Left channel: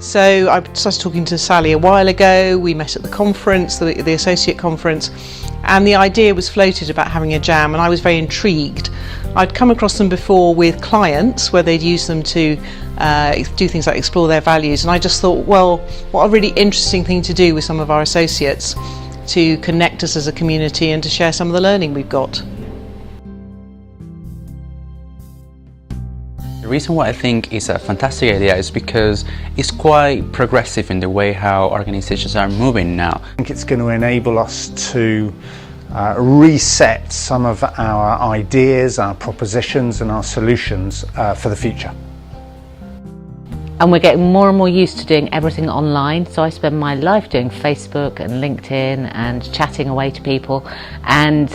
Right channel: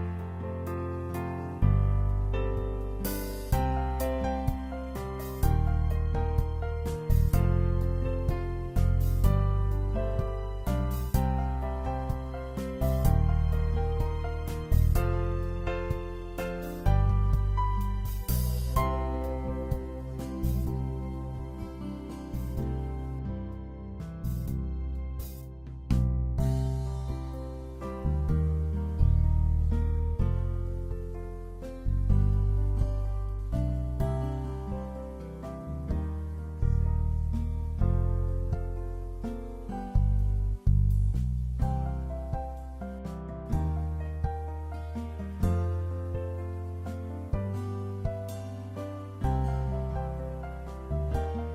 So I started talking to Sally a while ago. We met at the conference, the associate conference, and the idea was floated about having a jam, and I was very intrigued. I'd come across them before with clients where they'd use them to do things like explore their values, and I just thought, well, what a really interesting thing to do with some of our associates to connect us as a community and to share some of the learning we've got. The reason why I think it's a fantastic idea is because it's quite progressive in the way how organizations are moving now. I think it's going to enable us to reset some of our ideas, our propositions and our solutions for the future. And we're getting more and more used to doing everything online, so I spend my life doing Facebook and LinkedIn and chatting away to people, and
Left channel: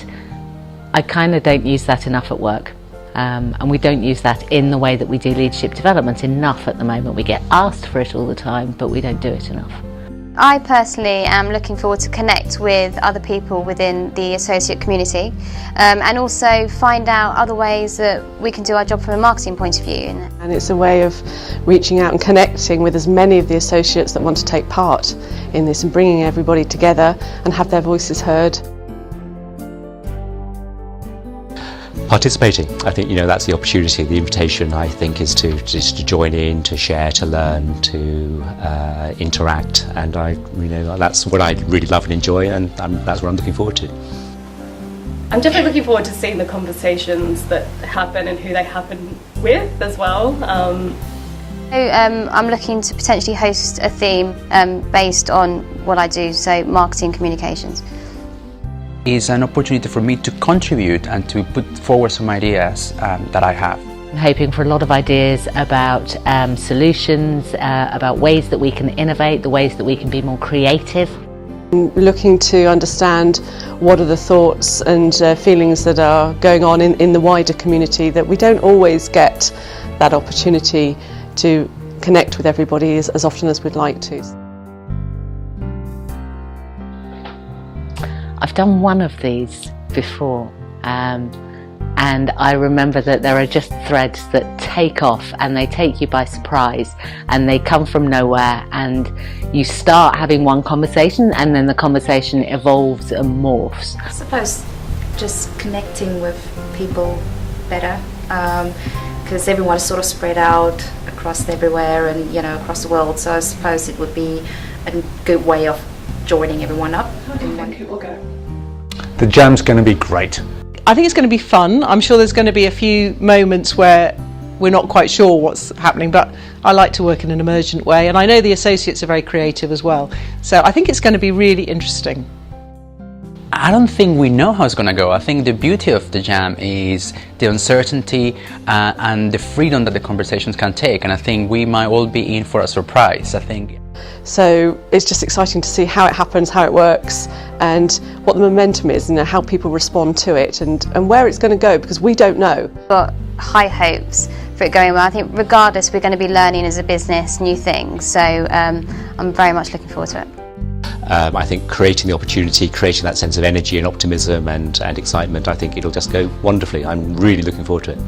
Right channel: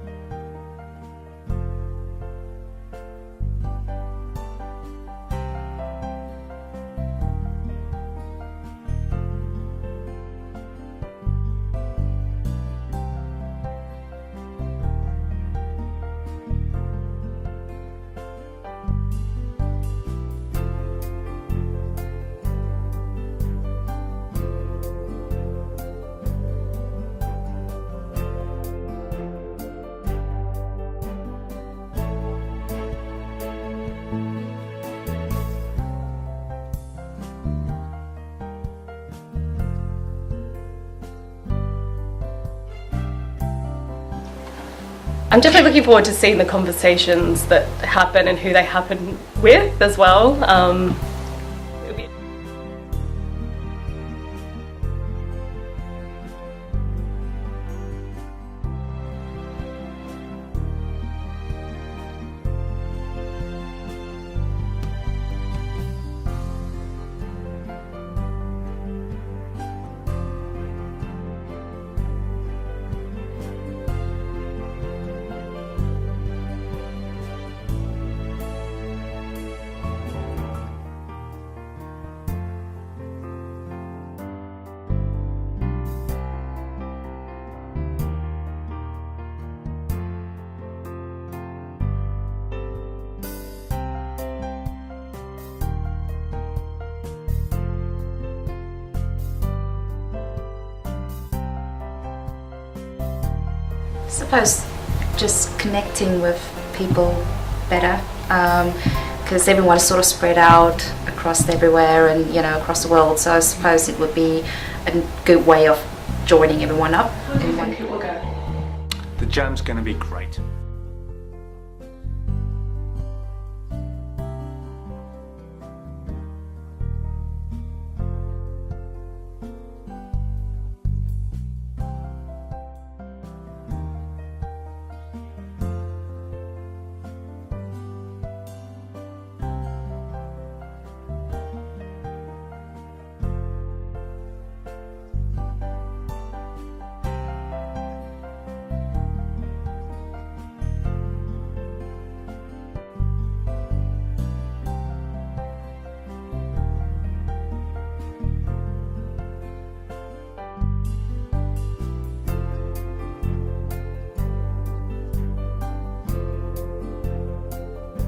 I kind of don't use that enough at work. And we don't use that in the way that we do leadership development enough at the moment. We get asked for it all the time, but we don't do it enough. I personally am looking forward to connect with other people within the associate community and also find out other ways that we can do our job from a marketing point of view. And it's a way of reaching out and connecting with as many of the associates that want to take part in this and bringing everybody together and have their voices heard. Participating, I think that's the opportunity. The invitation, I think, is to join in, to share, to learn, to interact, and that's what I really love and enjoy, and that's what I'm looking forward to. I'm definitely looking forward to seeing the conversations that happen and who they happen with as well. I'm looking to potentially host a theme based on what I do, so marketing communications. It's an opportunity for me to contribute and to put forward some ideas that I have. I'm hoping for a lot of ideas about solutions, about ways that we can innovate, the ways that we can be more creative. Looking to understand what are the thoughts and feelings that are going on in the wider community, that we don't always get that opportunity to connect with everybody as often as we'd like to. I've done one of these before, and I remember that there are just threads that take off and they take you by surprise and they come from nowhere, and you start having one conversation and then the conversation evolves and morphs. I suppose just connecting with people better, because everyone is sort of spread out across everywhere and across the world, so I suppose it would be a good way of joining everyone up. How do you think it will go? The jam's going to be great. I think it's going to be fun. I'm sure there's going to be a few moments where we're not quite sure what's happening, but I like to work in an emergent way, and I know the associates are very creative as well. So I think it's going to be really interesting. I don't think we know how it's going to go. I think the beauty of the jam is the uncertainty and the freedom that the conversations can take, and I think we might all be in for a surprise. I think. So it's just exciting to see how it happens, how it works, and what the momentum is, and how people respond to it, and where it's going to go, because we don't know. Got high hopes for it going well. I think regardless, we're going to be learning as a business new things, so I'm very much looking forward to it. I think creating the opportunity, creating that sense of energy and optimism and excitement, I think it'll just go wonderfully. I'm really looking forward to it.